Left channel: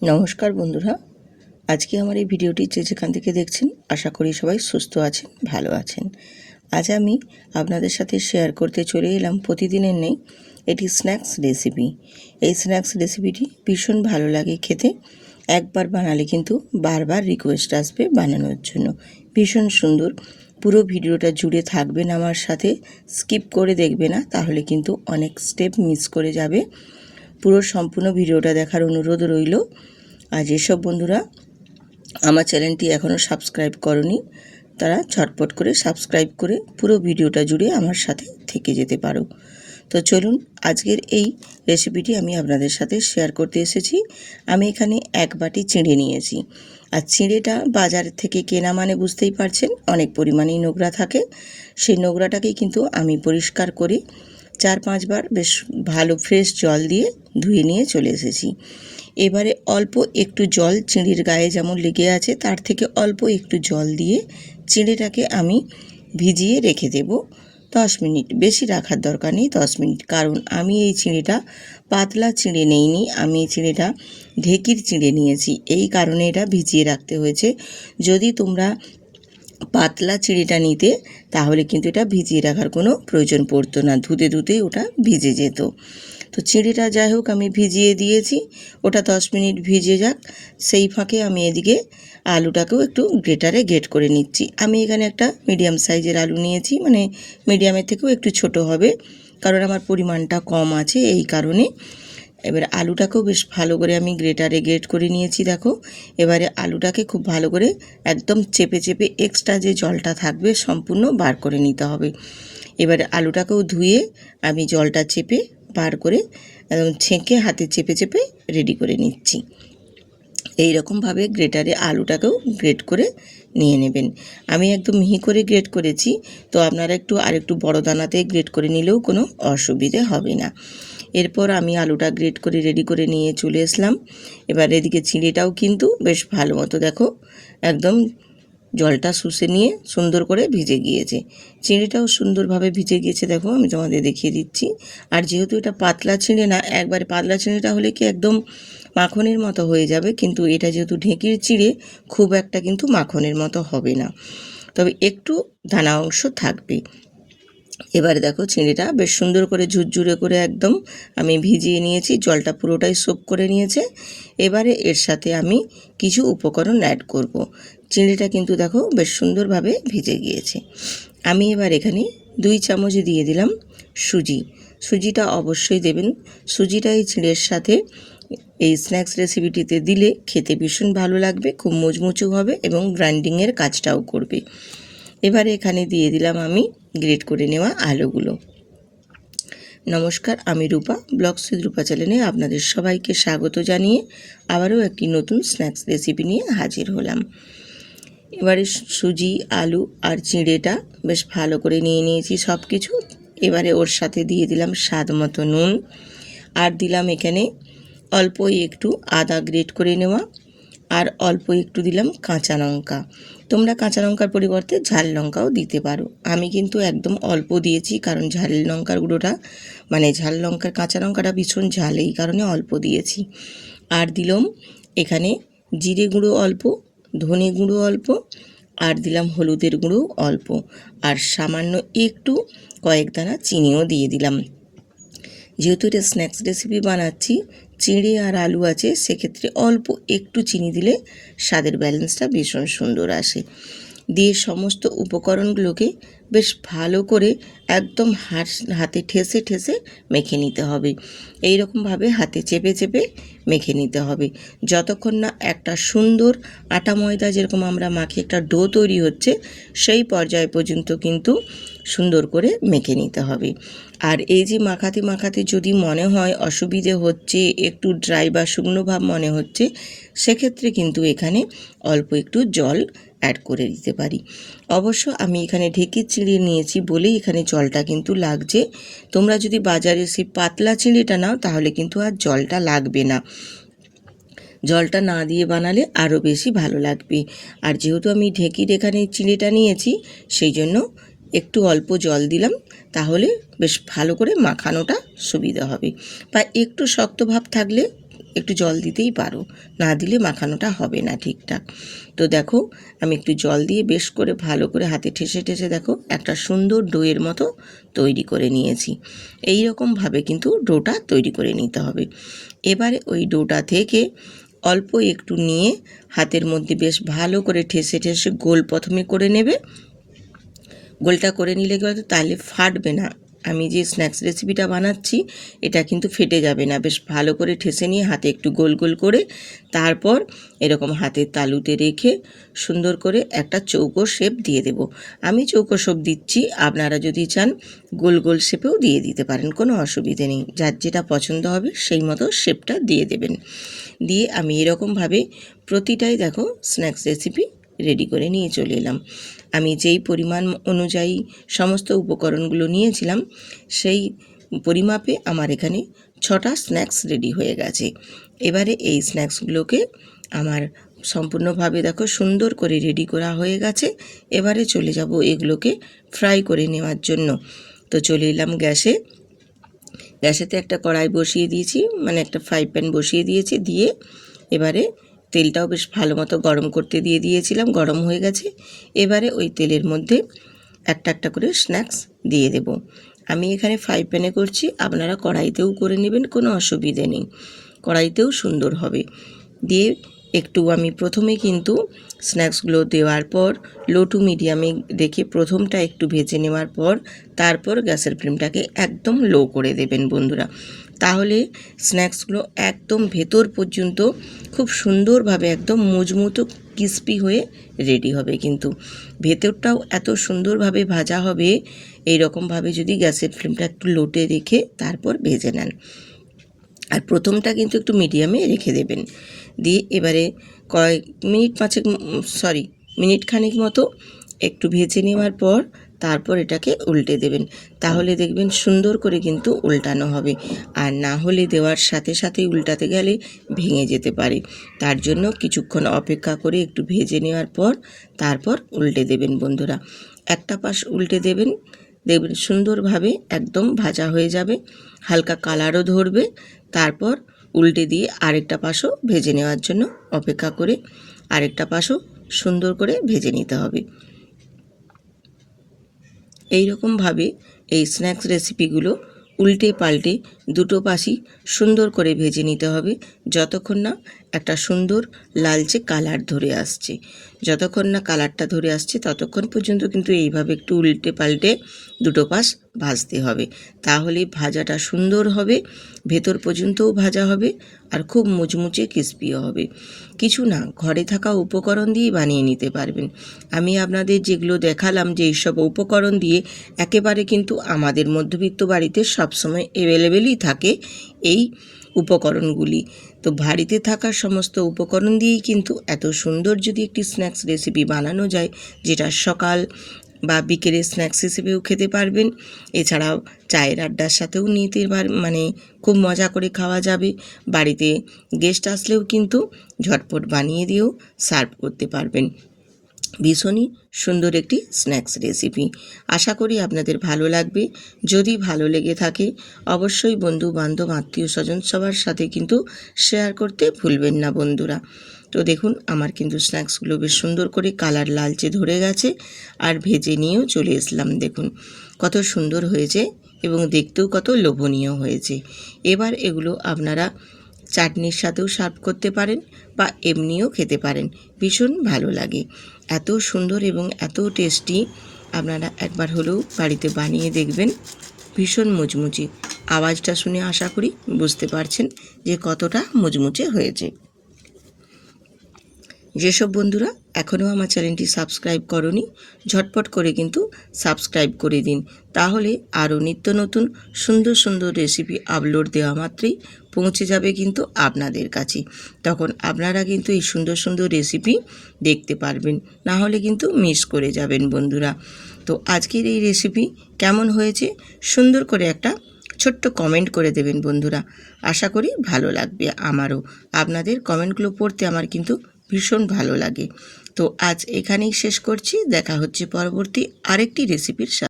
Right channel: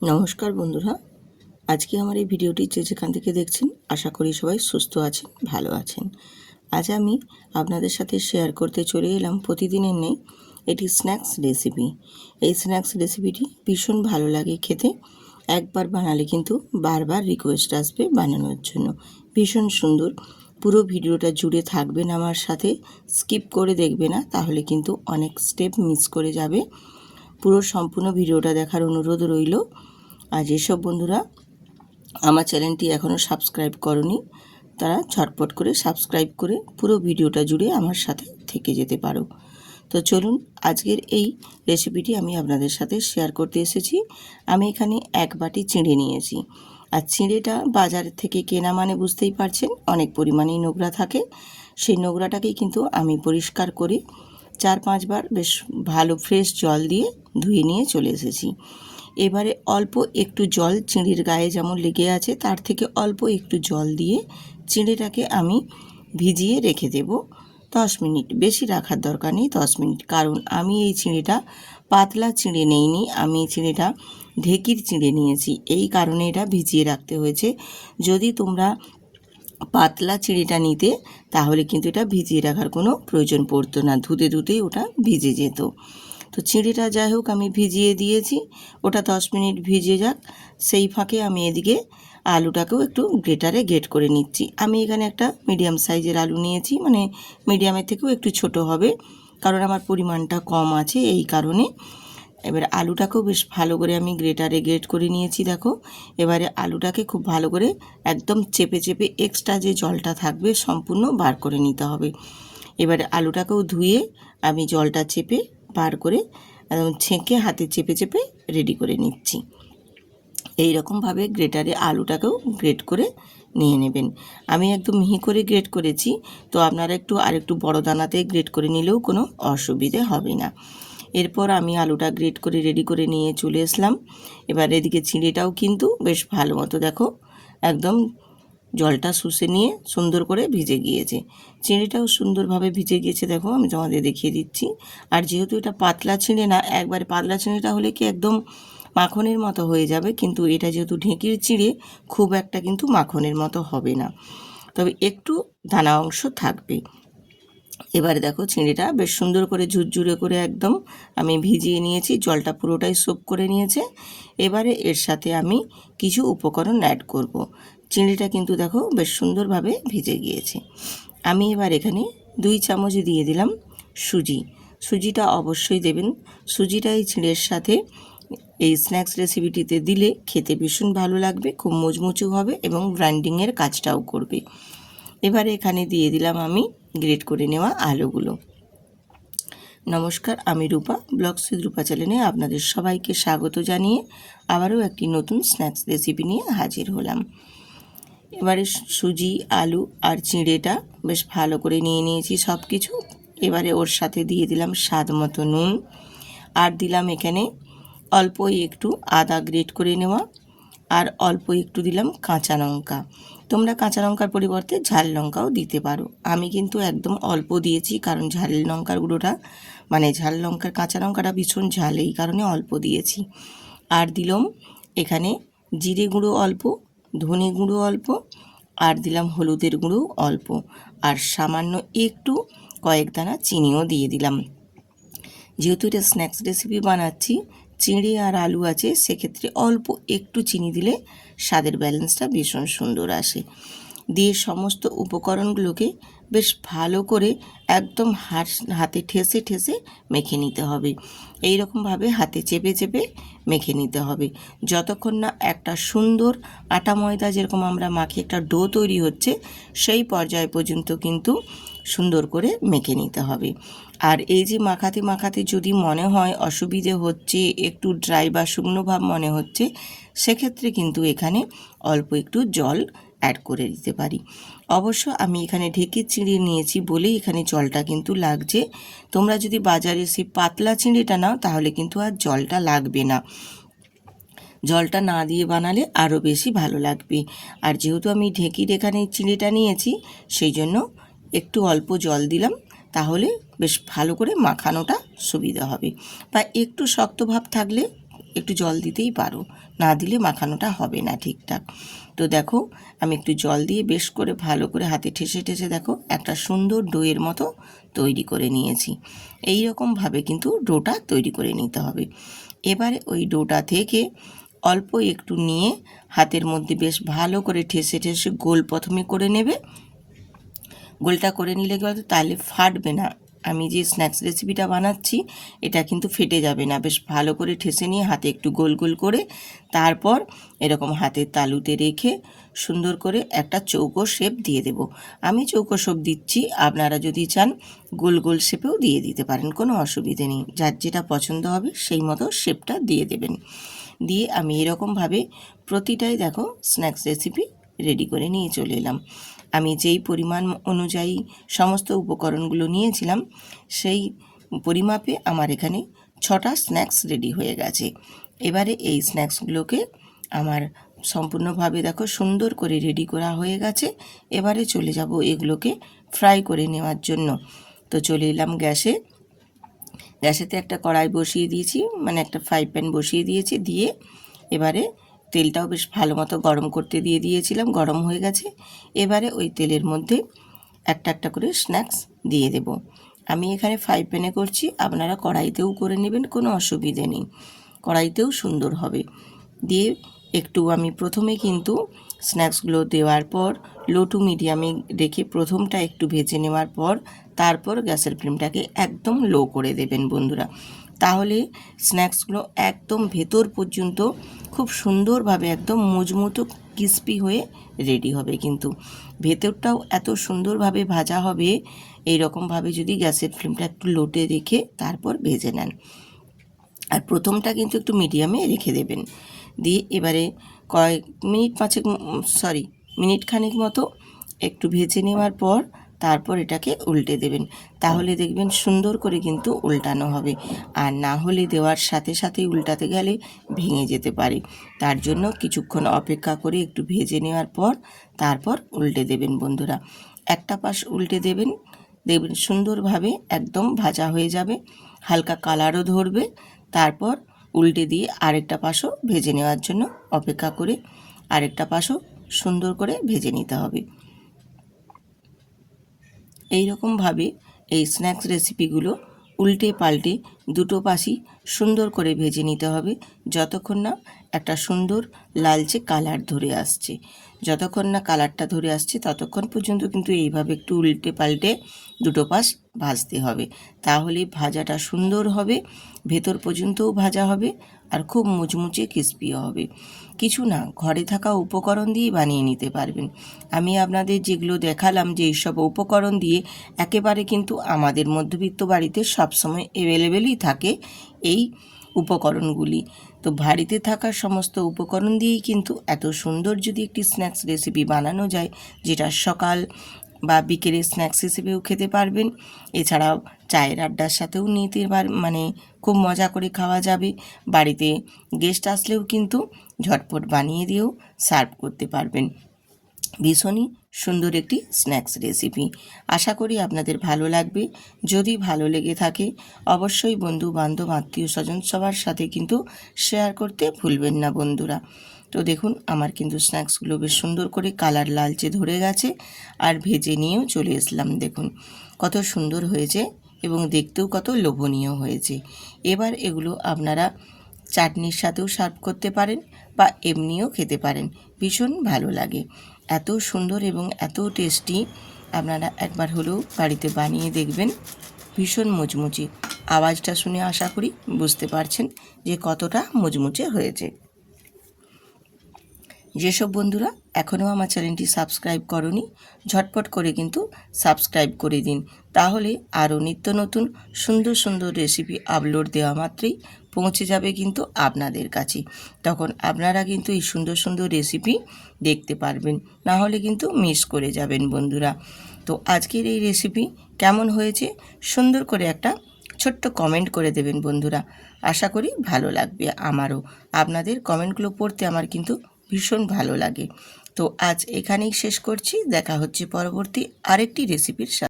নমস্কার বন্ধুরা, আজকে আমার এই ভিডিওটি যেখান থেকে দেখছেন আশা করি সবাই সুস্থ আছেন, ভালো আছেন। আজ আমি আপনাদের সাথে শেয়ার করতে চলে এলাম প্রতিদিনের নেই এটি স্ন্যাক্স রেসিপি। এই স্ন্যাক্স রেসিপিটি ভীষণ ভালো লাগে খেতে, একবার বানালে কিন্তু বারবার রিকোয়েস্ট আসবে বানানোর জন্য। ভীষণ সুন্দর, পুরো ভিডিওটা জুড়ে থাকবেন আমার সাথে, স্কিপ করে দেখবে না, তাহলে কিন্তু অনেক স্টেপ মিস করে যাবে। পুরো সম্পূর্ণ ভিডিওটা দেখার অনুরোধ রইল। আর যেসব বন্ধুরা আমার চ্যানেলটি এখনও সাবস্ক্রাইব করনি তারা ঝটপট করে সাবস্ক্রাইব করে পুরো ভিডিওটা জুড়ে আমার সাথে থেকে যেতে পারো। তো চলুন, আজকের এই রেসিপিটি আমি আপনাদের সাথে শেয়ার করতে এসেছি। আমি এখানে 1 বাটি চিঁড়ে নিয়েছি। আর চিঁড়েটা বাজার থেকে কেনা মানে বুঝতেই পারছেন অনেক পরিমাণেই নোংরা থাকে। সেই নোংরাটাকেই কিন্তু আমি পরিষ্কার করে 4-5 বার বেশ ভালো ফ্রেশ জল দিয়ে ধুয়ে নিয়ে চলে এসেছি। এবারে অল্প একটু জল চিঁড়ির গায়ে যেমন লেগে আছে তার থেকে অল্প একটু জল দিয়ে চিঁড়েটাকে আমি ভিজিয়ে রেখে দেব 10 মিনিট। বেশি রাখার দরকার নেই, 10 মিনিট, কারণ আমি এই চিঁড়েটা পাতলা চিঁড়ে নেইনি, আমি এই চিঁড়েটা ঢেকির চিঁড়ে নিয়েছি, এই কারণে এটা ভিজিয়ে রাখতে হয়েছে। যদি তোমরা পাতলা চিঁড়েটা নিতে তাহলে কিন্তু এটা ভিজিয়ে রাখার কোনো প্রয়োজন পড়তো না, ধুতে ধুতেই ওটা ভিজে যেত। তো চিঁড়েটা যাই হোক আমি ভিজিয়ে দিয়েছি, ওটা 10 মিনিট ভিজে যাক। সেই ফাঁকে আমি এদিকে আলুটাকেও একটু গ্রেটারে গ্রেট করে নিচ্ছি। আমি এখানে একটা মিডিয়াম সাইজের আলু নিয়েছি, মানে মিডিয়ামের থেকেও একটু ছোট হবে, কারণ আমার পরিমাণটা কম আছে এই কারণে। এবার আলুটাকেও বেশ ভালো করে আমি গ্রেটারে গ্রেট করে নিয়েছি। দেখো, এবারে আলুটাকে খুব ভালো করে একদম চেপে চেপে এক্সট্রা যে জলটা থাকবে সম্পূর্ণ বার করে নিতে হবে। এবারে আলুটাকেও ধুয়ে আমি জলটা চেপে বার করে একদম ছেঁকে হাতে চেপে চেপে রেডি করে নিচ্ছি। এই রকমভাবে গ্রেটারে আলুটাকেও গ্রেট করে নিয়ে নেবেন। আমি একদম মিহি করে গ্রেট করেছি, তো আপনারা আরেকটু বড় দানাতে গ্রেট করে নিলেও কোনো অসুবিধে হবে না। এরপর আমি আলুটা গ্রেট করে রেডি করে নিয়ে চলে আসলাম। এবার এদিকে চিঁড়িটাও কিন্তু বেশ ভালো মতো দেখো একদম জলটা শুষে নিয়ে সুন্দর করে ভিজে গিয়েছে। চিঁড়িটাও সুন্দরভাবে ভিজে গিয়েছে, দেখো আমি তোমাদের দেখিয়ে দিচ্ছি। আর যেহেতু এটা পাতলা চিঁড়ে না, একবারে পাতলা চিঁড়েটা হলে কি একদম মাখনের মতো হয়ে যাবে, কিন্তু এটা যেহেতু ঢেঁকির চিঁড়ে খুব একটা কিন্তু মাখনের মতো হবে না, তবে একটু দানা অংশ থাকবে। এবারে দেখো চিঁড়িটা বেশ সুন্দর করে ঝুরঝুরে করে একদম আমি ভিজিয়ে নিয়েছি, জলটা পুরোটাই সোক করে নিয়েছে। এবারে এর সাথে আমি কিছু উপকরণ অ্যাড করব। চিঁড়িটা কিন্তু দেখো বেশ সুন্দরভাবে ভিজে গিয়েছে। আমি এবার এখানে 2 চামচ দিয়ে দিলাম সুজি। সুজিটা অবশ্যই দেবেন, সুজিটা এই চিঁড়ের সাথে এই স্ন্যাক্স রেসিপিটিতে দিলে খেতে ভীষণ ভালো লাগবে, খুব মুচমুচু হবে এবং গ্রাইন্ডিংয়ের কাজটাও করবে। এবারে এখানে দিয়ে দিলাম আমি গ্রেট করে নেওয়া আলুগুলো। নমস্কার, আমি রূপা, ব্লগস উইথ রূপা চ্যানেলে আপনাদের সবাইকে স্বাগত জানিয়ে আবারও একটি নতুন স্ন্যাক্স রেসিপি নিয়ে হাজির হলাম। এবারে সুজি, আলু আর চিঁড়েটা বেশ ভালো করে নিয়ে নিয়েছি সব কিছু। এবারে ওর সাথে দিয়ে দিলাম স্বাদ মতো নুন, আর দিলাম এখানে অল্প একটু আদা গ্রেট করে নেওয়া, আর অল্প একটু দিলাম কাঁচা লঙ্কা। তোমরা কাঁচা লঙ্কার পরিবর্তে ঝাল লঙ্কাও দিতে পারো, আমি কিন্তু একদম অল্প দিয়েছি, কারণ ঝাল লঙ্কার গুঁড়োটা ঝাল লঙ্কার কাঁচা লঙ্কাটা ভীষণ ঝাল, এই কারণে অল্প দিয়েছি। আর দিলাম এখানে জিরে গুঁড়ো অল্প, ধনে গুঁড়ো অল্প, আর দিলাম হলুদের গুঁড়ো অল্প, আর সামান্য একটু কয়েক দানা চিনিও দিয়ে দিলাম। যেহেতু এটা স্ন্যাক্স রেসিপি বানাচ্ছি, চিঁড়ে আর আলু আছে, সেক্ষেত্রে অল্প একটু চিনি দিলে স্বাদের ব্যালেন্সটা ভীষণ সুন্দর আসে। দিয়ে সমস্ত উপকরণগুলোকে বেশ ভালো করে একদম হাতে ঠেসে ঠেসে মেখে নিতে হবে। এই রকমভাবে হাতে চেপে চেপে মেখে নিতে হবে যতক্ষণ না একটা সুন্দর আটা ময়দা যেরকম আমরা মাখি একটা ডো তৈরি হচ্ছে, সেই পর্যায় পর্যন্ত কিন্তু সুন্দর করে মেখে নিতে হবে। আর এই যে মাখাতে মাখাতে যদি মনে হয় অসুবিধে হচ্ছে, একটু ড্রাই বা শুকনো ভাব মনে হচ্ছে, সেক্ষেত্রে কিন্তু এখানে অল্প একটু জল অ্যাড করে দিতে পারি। অবশ্য আমি এখানে ঢেঁকির চিঁড়ে নিয়েছি বলেই এখানে জলটা কিন্তু লাগছে। তোমরা যদি বাজারে সেই পাতলা চিঁড়েটা নাও তাহলে কিন্তু আর জলটা লাগবে না, জলটা না দিয়ে বানালে আরও বেশি ভালো লাগবে। আর যেহেতু আমি ঢেঁকির এখানে চিঁড়েটা নিয়েছি, সেই জন্য একটু অল্প জল দিলাম, তাহলে বেশ ভালো করে মাখানোটা সুবিধা হবে। বা একটু শক্ত ভাব থাকলে একটু জল দিতেই পারো, না দিলে মাখানোটা হবে না ঠিকঠাক। তো দেখো আমি একটু জল দিয়ে বেশ করে ভালো করে হাতে ঠেসে ঠেসে দেখো একটা সুন্দর ডোয়ের মতো তৈরি করে নিয়েছি। এই রকমভাবে কিন্তু ডোটা তৈরি করে নিতে হবে। এবারে ওই ডোটা থেকে অল্প একটু নিয়ে হাতের মধ্যে বেশ ভালো করে ঠেসে ঠেসে গোল প্রথমে করে নেবে। গোলটা করে নিলে কিন্তু তাহলে ফাটবে না। আমি যে স্ন্যাক্স রেসিপিটা বানাচ্ছি এটা কিন্তু ফেটে যাবে না। বেশ ভালো করে ঠেসে নিয়ে হাতে একটু গোল গোল করে তারপর এরকম হাতের তালুতে রেখে সুন্দর করে একটা চৌকো শেপ দিয়ে দেব। আমি চৌকো শেপ দিচ্ছি, আপনারা যদি চান গোল গোল শেপেও দিয়ে দিতে পারেন, কোনো অসুবিধে নেই। যার যেটা পছন্দ হবে সেই মতো শেপটা দিয়ে দেবেন। দিয়ে আমি এরকমভাবে প্রতিটাই দেখো স্ন্যাক্স রেসিপি রেডি করে নিয়ে চলে এলাম। আমি যেই পরিমাণ অনুযায়ী সমস্ত উপকরণগুলো নিয়েছিলাম সেই পরিমাপে আমার এখানে 6টা স্ন্যাক্স রেডি হয়ে গেছে। এবারে এই স্ন্যাক্সগুলোকে আমার সম্পূর্ণভাবে দেখো সুন্দর করে রেডি করা হয়ে গেছে। এবারে চলে যাব এগুলোকে ফ্রাই করে নেওয়ার জন্য। তো চলে এলাম গ্যাসেতে একটা কড়াই বসিয়ে দিয়েছি, মানে একটা ফ্রাই প্যান বসিয়ে দিয়েছি। দিয়ে এবারে তেলটাও বেশ ভালো মতো গরম করতে দিয়ে দিয়েছিলাম, গরম হয়ে গেছে। এবারে ওই তেলের মধ্যে একটা একটা করে স্ন্যাক্স দিয়ে দেব। আমি এখানে ফ্রাই প্যানে করছি, আপনারা কড়াইতেও করে নেবেন, কোনো অসুবিধে নেই, কড়াইতেও সুন্দর হবে। দিয়ে একটু আমি প্রথমে কিন্তু স্ন্যাক্সগুলো দেওয়ার পর লো টু মিডিয়ামে রেখে প্রথমটা একটু ভেজে নেওয়ার পর তারপর গ্যাসের ফ্লেমটাকে একদম লো করে দেবেন বন্ধুরা। তাহলে স্ন্যাক্সগুলো একদম ভেতর পর্যন্ত খুব সুন্দরভাবে একদম মুচমুচো ক্রিস্পি হয়ে রেডি হবে। কিন্তু ভেতরটাও এত সুন্দরভাবে ভাজা হবে এই রকমভাবে যদি গ্যাসের ফ্লেমটা একটু লোতে রেখে তারপর ভেজে নেন। আর প্রথমটা কিন্তু একটু মিডিয়ামে রেখে দেবেন। দিয়ে এবারে মিনিট খানেক মতো একটু ভেজে নেওয়ার পর তারপর এটাকে উল্টে দেবেন। তাহলে দেখবেন সুন্দর করে কিন্তু উল্টানো হবে, আর না হলে দেওয়ার সাথে সাথেই উল্টাতে গেলে ভেঙে যেতে পারে। তার জন্য কিছুক্ষণ অপেক্ষা করে একটু ভেজে নেওয়ার পর তারপর উল্টে দেবেন বন্ধুরা। একটা পাশ উল্টে দেবেন, দেখবেন সুন্দরভাবে একদম ভাজা হয়ে যাবে, হালকা কালারও ধরবে। তারপর উল্টে দিয়ে আরেকটা পাশও ভেজে নেওয়ার জন্য অপেক্ষা করে আরেকটা পাশও সুন্দর করে ভেজে নিতে হবে। এই রকমভাবে এই স্ন্যাক্স রেসিপিগুলো উল্টে পাল্টে দুটো পাশই সুন্দর করে ভেজে নিতে হবে, যতক্ষণ না একটা সুন্দর লালচে কালার ধরে আসছে। যতক্ষণ না কালারটা ধরে আসছে ততক্ষণ পর্যন্ত কিন্তু এইভাবে একটু উল্টে পাল্টে দুটো পাশ ভাজতে হবে। তাহলে ভাজাটা সুন্দর হবে, ভেতর পর্যন্তও ভাজা হবে, আর খুব মুচমুচে ক্রিস্পিও হবে। কিছু না, ঘরে থাকা উপকরণ দিয়েই বানিয়ে নিতে পারবেন। আমি আপনাদের যেগুলো দেখালাম যে এইসব উপকরণ দিয়ে একেবারে কিন্তু আমাদের মধ্যবিত্ত বাড়িতে সবসময় অ্যাভেলেবেলই থাকে এই উপকরণগুলি। তো বাড়িতে থাকা সমস্ত উপকরণ দিয়েই কিন্তু এত সুন্দর যদি একটি স্ন্যাক্স রেসিপি বানানো যায়, যেটা সকাল বা বিকেলে স্ন্যাক্স হিসেবেও খেতে পারবেন, এছাড়াও চায়ের আড্ডার সাথেও নিতে মানে খুব মজা করে খাওয়া যাবে। বাড়িতে গেস্ট আসলেও কিন্তু ঝটপট বানিয়ে দিয়েও সার্ভ করতে পারবেন। ভীষণই সুন্দর একটি স্ন্যাক্স রেসিপি। আশা করি আপনাদের ভালো লাগবে। যদি ভালো লেগে থাকে অবশ্যই বন্ধু বান্ধব আত্মীয় স্বজন সবার সাথে কিন্তু শেয়ার করতে ভুলবেন না বন্ধুরা। তো দেখুন আমার কিন্তু স্ন্যাক্সগুলো বেশ সুন্দর করে কালার লালচে ধরে গেছে, আর ভেজে নিয়েও চলে আসলাম। দেখুন কত সুন্দর হয়েছে এবং দেখতেও কত লোভনীয় হয়েছে। এবার এগুলো আপনারা চাটনির সাথেও সার্ভ করতে পারেন বা এমনিও খেতে পারেন, ভীষণ ভালো লাগে। এত সুন্দর এবং এত টেস্টি, আপনারা একবার হলেও বাড়িতে বানিয়ে দেখবেন। ভীষণ মুচমুচে, আওয়াজটা শুনে আশা করি বুঝতে পারছেন যে কতটা মুচমুচে হয়েছে। যেসব বন্ধুরা এখনও আমার চ্যানেলটি সাবস্ক্রাইব করনি ঝটপট করে কিন্তু সাবস্ক্রাইব করে দিন, তাহলে আরও নিত্য নতুন সুন্দর সুন্দর রেসিপি আপলোড দেওয়া মাত্রই পৌঁছে যাবে কিন্তু আপনাদের কাছে। তখন আপনারা কিন্তু এই সুন্দর সুন্দর রেসিপি দেখতে পারবেন, না হলে কিন্তু মিস করে যাবেন বন্ধুরা। তো আজকের এই রেসিপি কেমন হয়েছে সুন্দর করে একটা ছোট্ট কমেন্ট করে দেবেন বন্ধুরা। আশা করি ভালো লাগবে আমারও। আপনাদের কমেন্টগুলো পড়তে আমার কিন্তু ভীষণ ভালো লাগে। তো আজ এখানেই শেষ করছি, দেখা হচ্ছে পরবর্তী আরেকটি রেসিপির সাথে।